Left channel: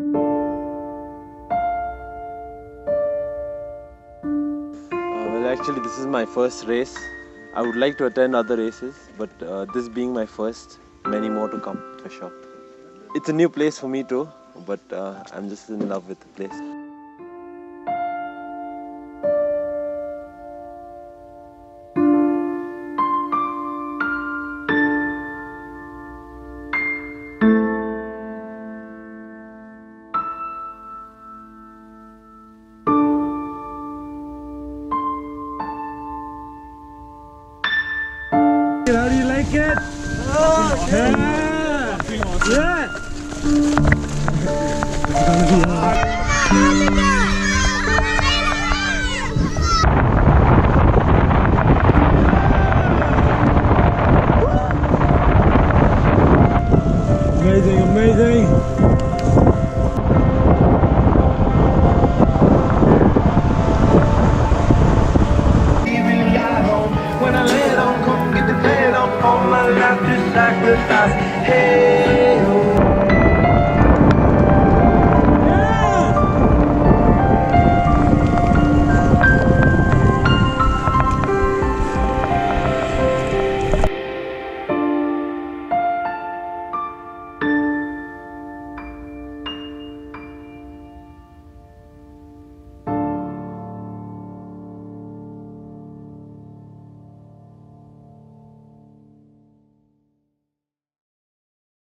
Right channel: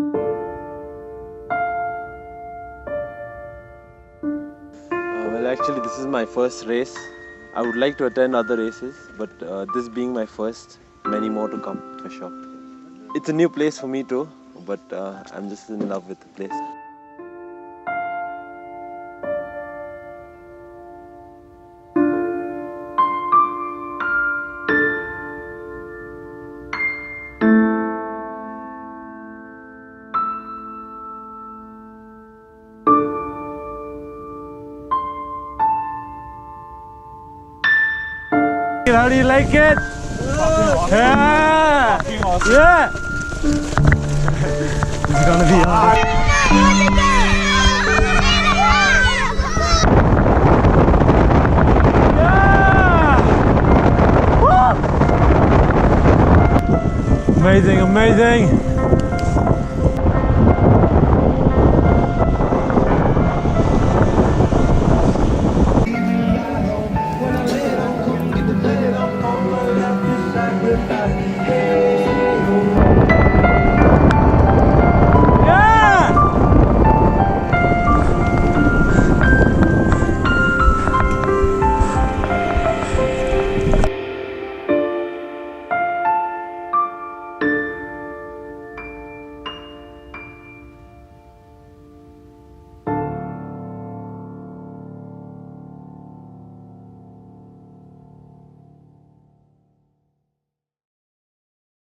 Well, actually, this is my first race. I would like to attend other races, but this being my first, many more to come for sure. It's a new place for me too, but I'm just in love with the place. How do you like it? Yeah! Yeah! It's gonna be hard. Yeah! Woo! Amazing, amazing! When I lay it on, come get the bed on my lap, just sacrifice. Hey.